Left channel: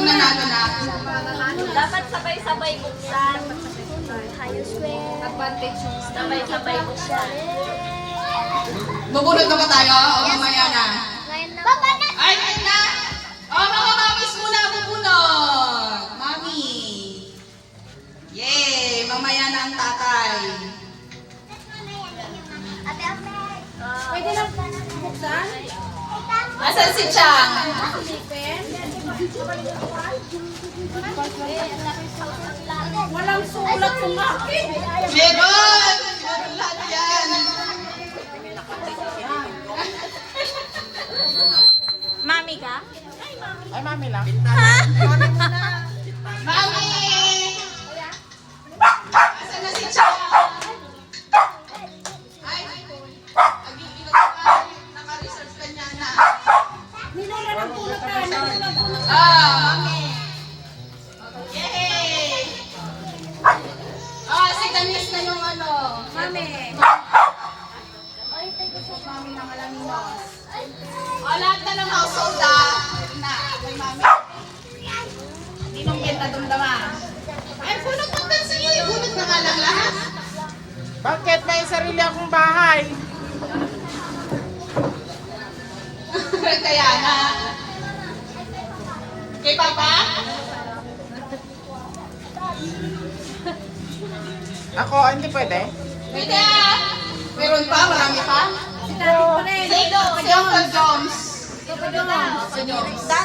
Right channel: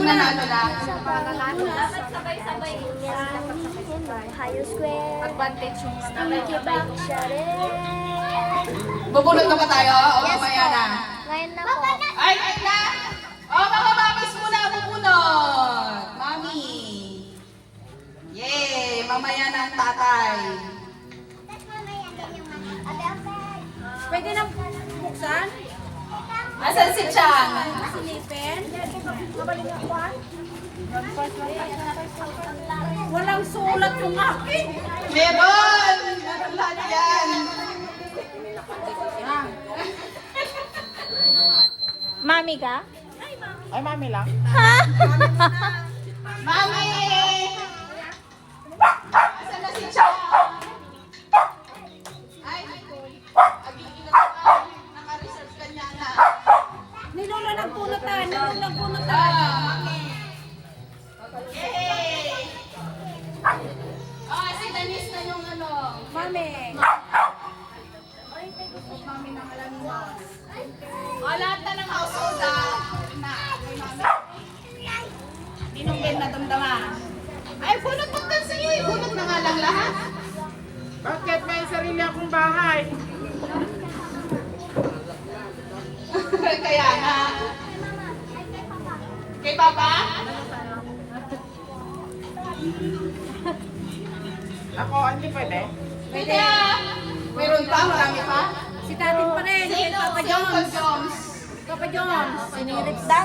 Sino nanalo na? Dapat sabay-sabay buksan. Advantage yung sabay-sabay buksan. Bubunot na ba tayo? O mamaya na? Ay, na! O, mga mamis muna bubunot! Mami! Yay! Mamaya na ang tatay. Pwede lang buksan? Asan si Chang? Walang sulat yung akin. Meron! Wala yan! Mami ka? Ay, mami lang. Mami! Asan na si Chang? Ay, naka-research ka niya na. Nilula ng pulutan. Mami! Yay! Si Danis na yung ano. Mami. Mami ng Alaminos. Lahat na ng household na. May mami. Ninong Ben na dumdama. Ay, punong magdan sa'yo. Ibunot na nga lang lahat. Bakit may sarili akong bahay? Kaya na. Kay Papa? Ako, hindi pwede. Pwede. Meron pa? Marami pa? Si Daddy pa rin. Si Uncle Joms. Sinirap-tan.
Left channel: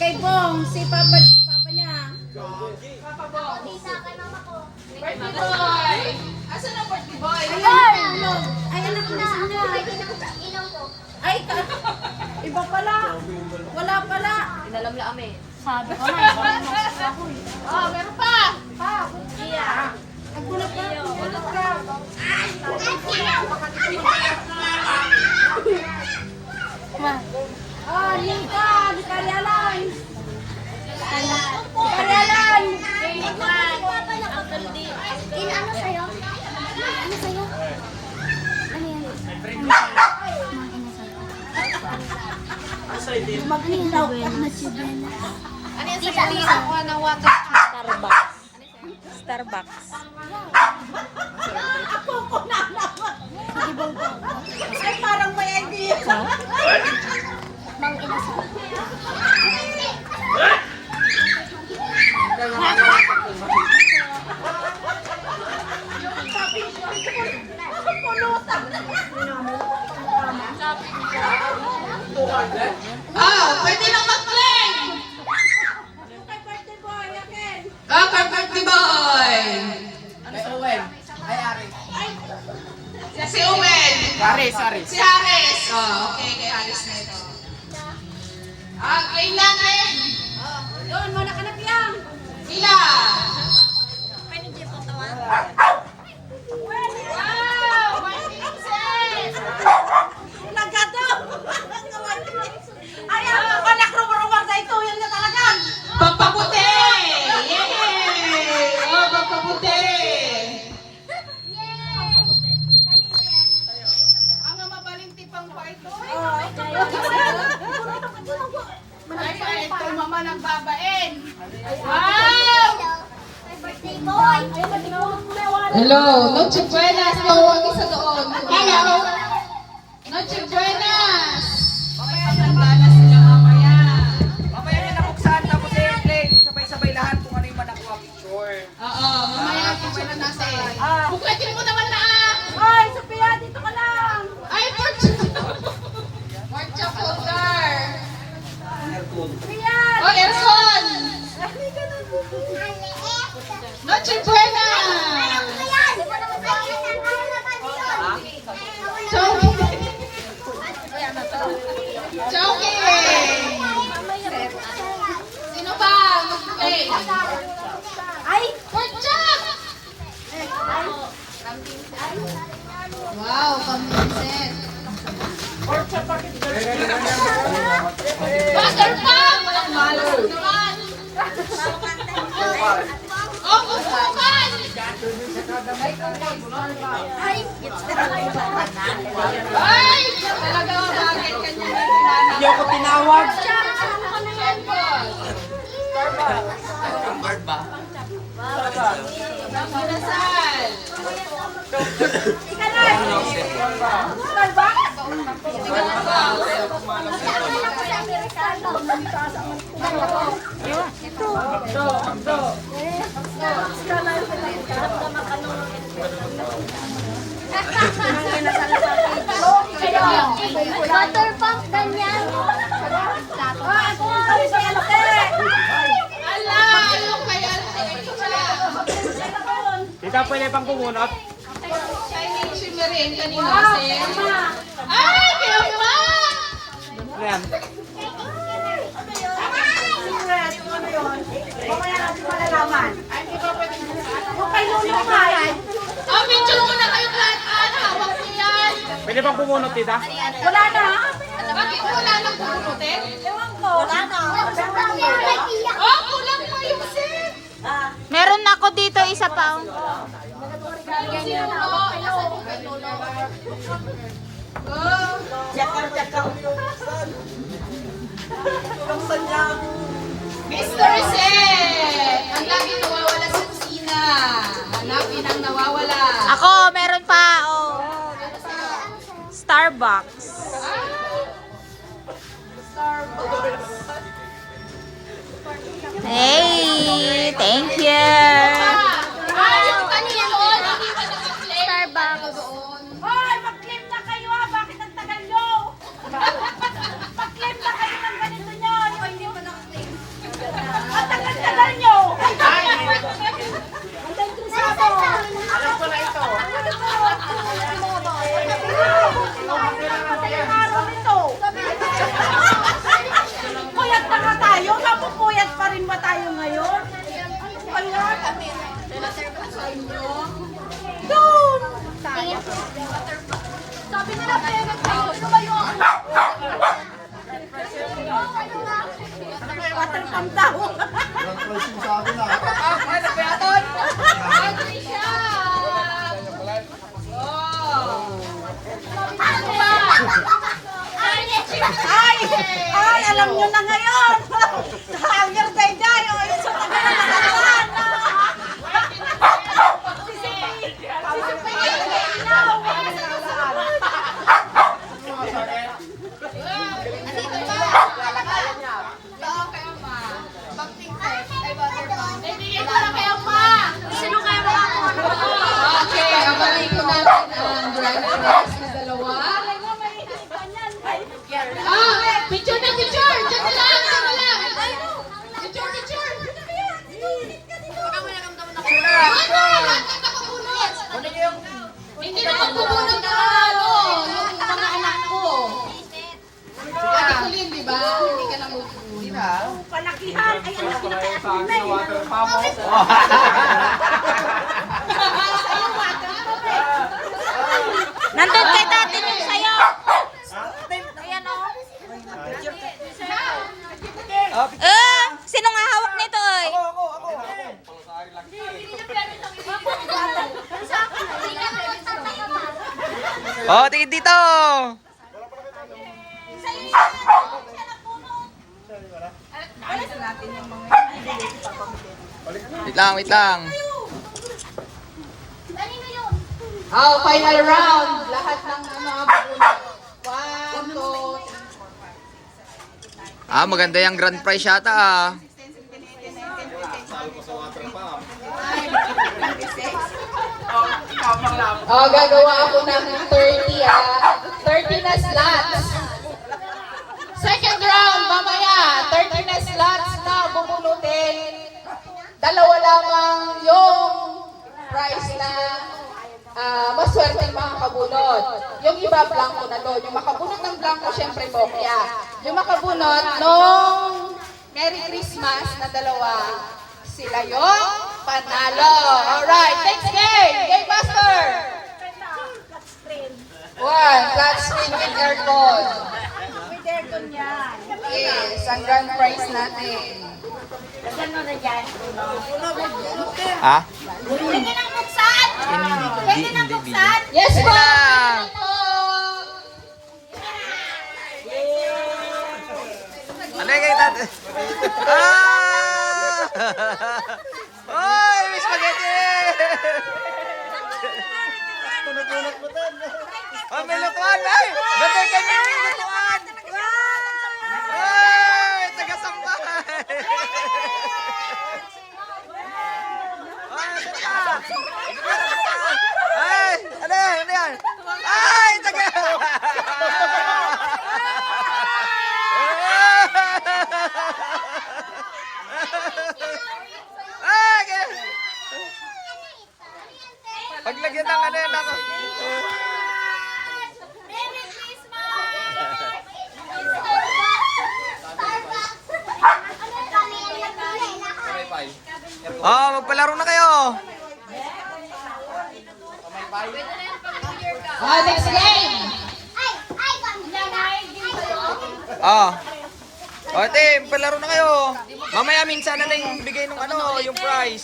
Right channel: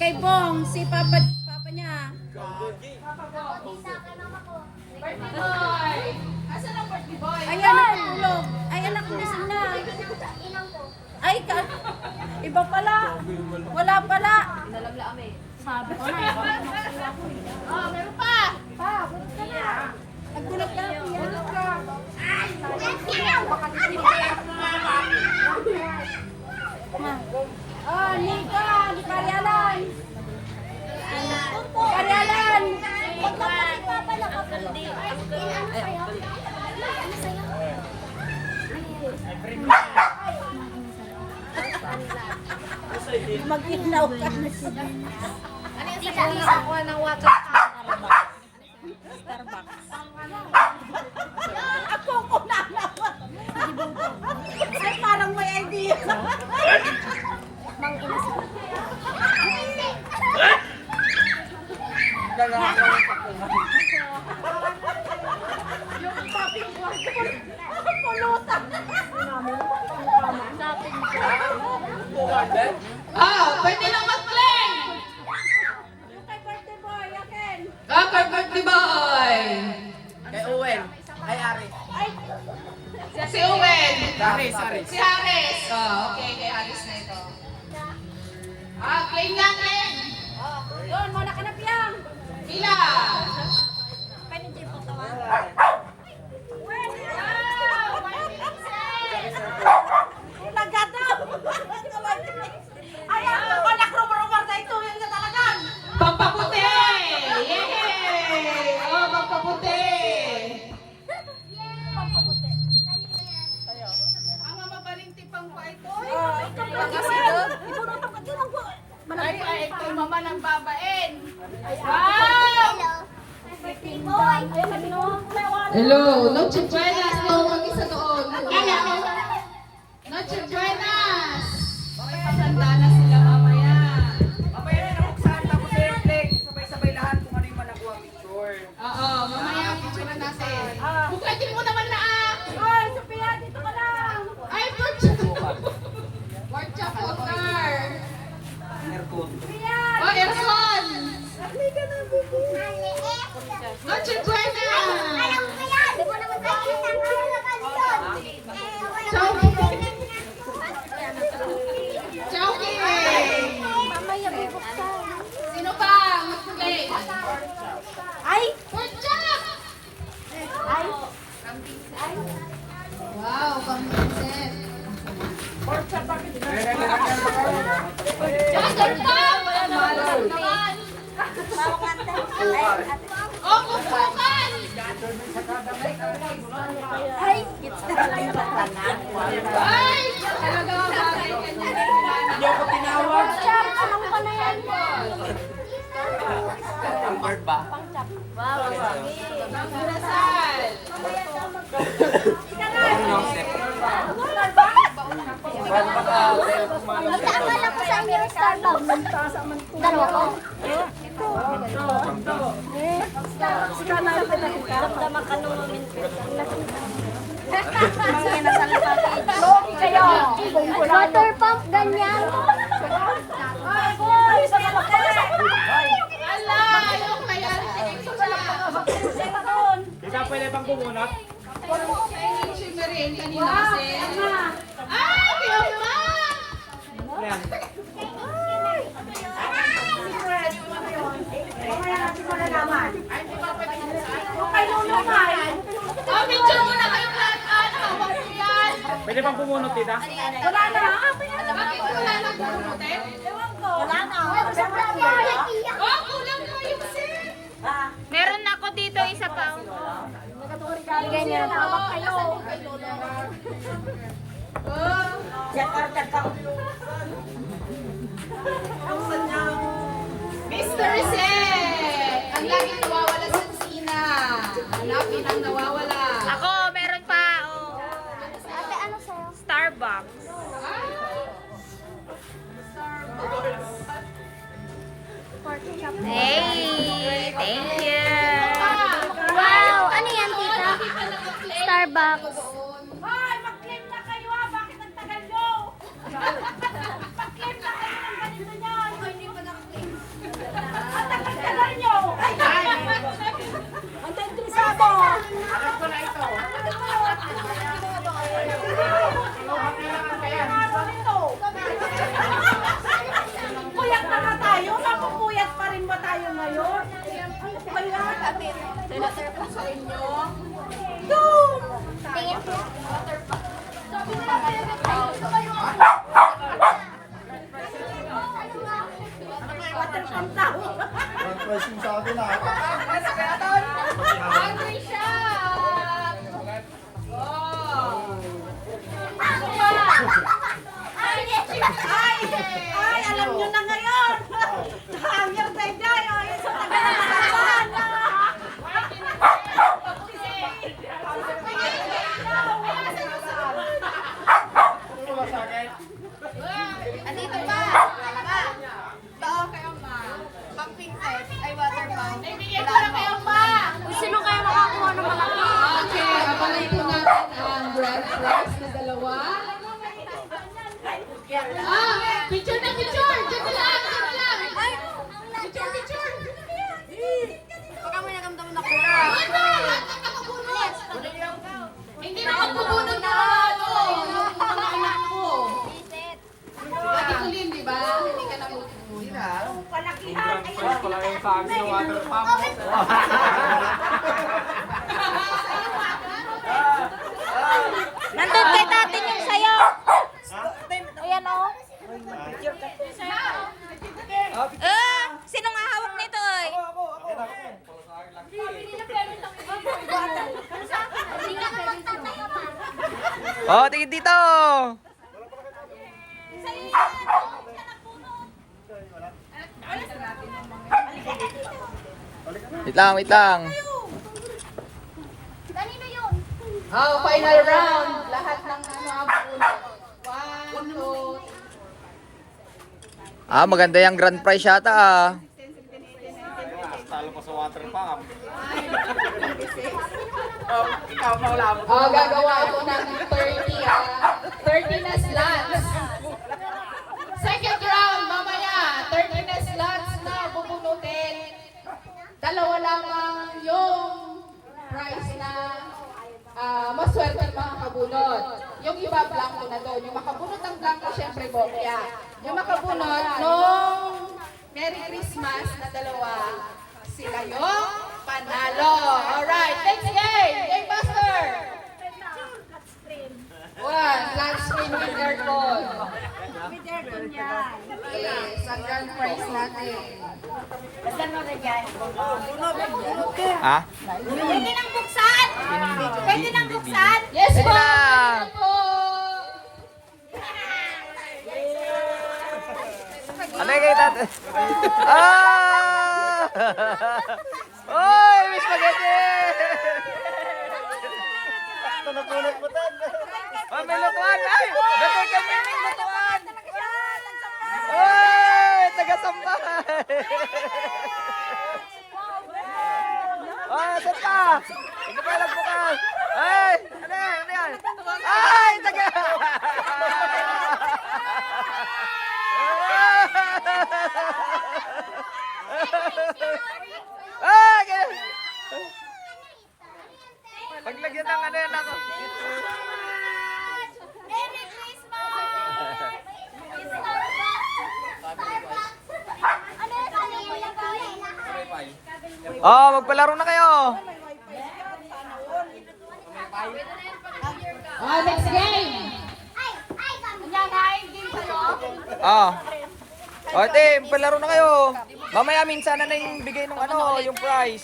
Kay Bong, si Papa niya. Birthday boy. Asan ang birthday boy? Ay, anak na sana. Ay, iba pala. Wala pala. Sabi ko na. Oh, meron pa. Ang gulat na. Oh, Nika, Karyalan. Karyalan. Uncle D. Uncle. Ano sa'yo? Ano sa'yo? Ano yan? Magpinaw. Ano yung sabi ako ng water Starbucks? Starbucks. Ako ko na naman. Ay, parang may idea. Mang ina sa'yo. Pwede na mag-claim. Birthday boy, again. Kay birthday boy. Kay Owen. Ay, Ari. Si Owen. Aris, Aris. Si Haris. Okay, kay Haris na ito. Claim natin. Doon, muna ka na piyang. Ilan? Nagado. Ay, anak rumurumar sa ito. Yan na talagang. Pampaputi! Yay! Pampaputi! Ang mabalintipang pa ito. Ay, ito mama ng babain. Wow! Birthday boy! Hello, Noche Buenas po ang isa doon. Hello! Noche Buenas! Okay, paganda na sila mamaya. Mamaya na nabuksan ka kasi airplane. Sabay-sabay lahat kung ano yung manakuha picture. Oo, mamaya picture na natin. Buklatin mo naman na Ay, Sophia, dito ka lang. Ay, Porcha Potar! Sophia! Oh, Erson! Noche Buenas! Joking! Sino pa? Mag-play! Ay! Porchak! Wow, pang-princess! Mother Pop! Ang malas mo naman! Oh, Oh, kukukan! Ay! Talaga bagay ka niya. Hindi ako tinawag. Water pump, ganyan. Ala! Yung kaya siya. Tita, pwede pang kumunot? Chinese shimmering kanina kasi. Ay! Kaya ma! Ano yan? Oh, picture muna kayo lahat. Hawak ko yan. Pwede pang kumunot, tita? Wala na. Bakit wala nang bunutin? Wala na. Oh, kulang pa yung set. Meron ako dito isa pa. Mr. Set! Ang lagi nawawala sa kusina. Hanapin ang nawawala. Ako, meron pa. Oh. Starbucks. Hey, thank you. Ay, yung kanino, hindi ka naka-claim. Doon. Hoy, mag-claim na kayo ha! Bakit ang tagal nyo? Mag-claim na kayo ng ganito nyo! Yung hindi mo na-claim. Ang tagal-tagal nyo! Alam ko na ito. Puyat na nga tayo? Mapupuyat pa rin ba tayo ngayon? Wala. Water pump daw. Pricing sa akin ah. Bagay siya. Oh. Ano ba? Ay, alam nyo na ngayon! Hanger day-day! O, yung sa tagal na nakaraan na! Andito na. Dalawa kayo, ma. Pag-pink set, ay water pump. Naibigay ko na kayo, ma. Sino kaya makakuha ng mga? Okay, abangan po natin ang grand prize na dalawa. Picture na picture! Diyan na lang! Diyan na lang! Picture, picture! Bakit lahat ang nakabunot? Hindi na magbubunot ng mga ano, yung mga anak ko. Ate Colleen, di ba? Hindi ka lang magbubunot. Palakihan! Ay, Sa akin na water pump. Nandun kay tatin yung sayo. Ayan o. Sino nga hawak nito oy? Oh, tingin dito! Wait lang, wait lang. Kanino yun? Oh, final round. Lahat ng mga bunot. 1, 2, Ah, maganda yung grand prize yata ah. Oh, gagawa ako ng 30 30 na slots. Second round, mamaya. 30 na slots na bubunutin. Dalawa lamang yung prize na maswerte mga makabunot. Yung iba blanco na doon. Yung makabunot ng blanco, syempre bokya. Yung makabunot nung Merry Christmas na dalawa, sila yung panalo. Alright, next game. Game master. One, flat screen with aircon. With aircon yan. Yes, ang grand prize natin. Ha? Pwede nang buksan. Pwede nang buksan. Yes, Pwede po. na. Ano yung kay tate? Ah! Oy, may spaghetti! Oh, may lutuan! Ay! Ganda kay Mingming lutuan! Oy! Taga-sambay! Ah, dito! Ito pa lang bukas! Ay! Ano yan? Ano yan? Ay! Taga! Ah! Ganyan! Paglagyan ng ano yan ako. Merry Christmas! Oh, magpalaro na kayo. Oh, next game. Oh. O, team, palaro na kayo. Mamaya minsan na lang bigay ng ano, yung prize.